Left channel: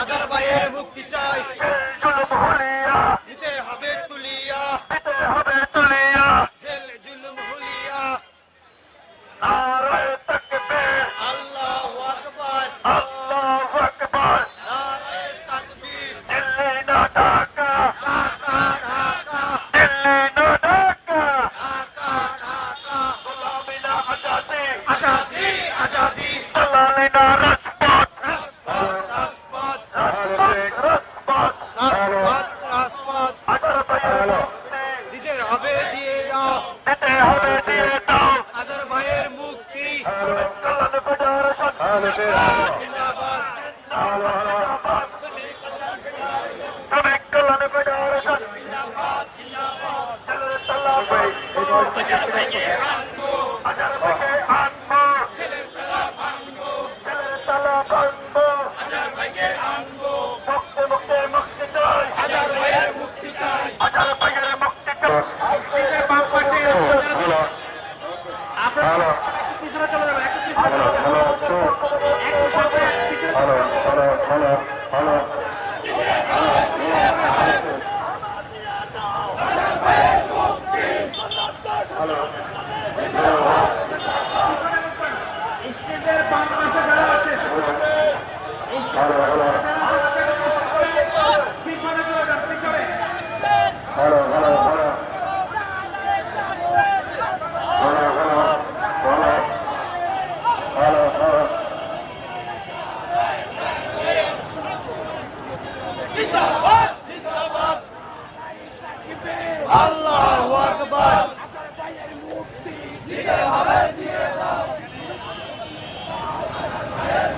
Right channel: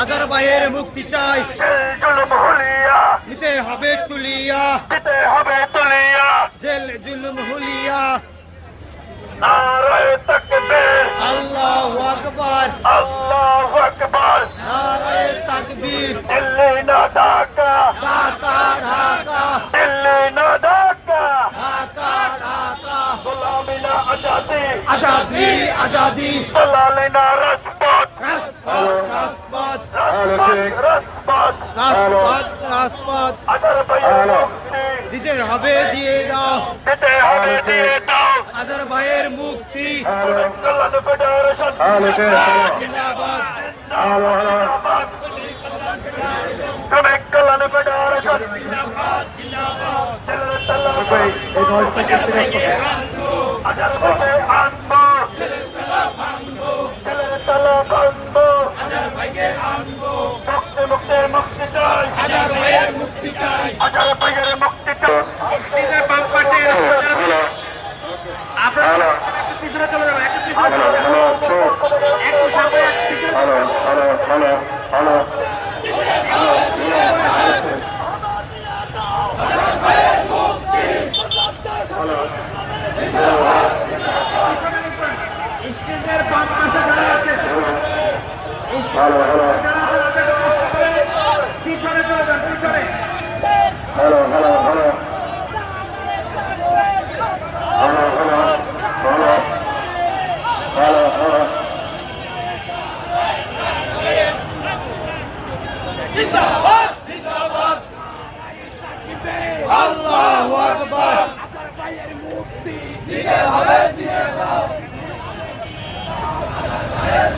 আজারবাইয়ের মুক্তি চাই, নিতে হবে তুলিয়া, জেল জুলুম হুলিয়া। আল্লাহু আকবার, নারায়ে তাকবীর। ঢাকা ঢাকা, ঢাকা ঢাকা। আজাদি আজাদি, রাজপথ রাজপথ, রাজপথ রাজপথ। দিতে হবে দিয়ে দাও, আজারবাইয়ের মুক্তি জিন্দাবাদ। Hello.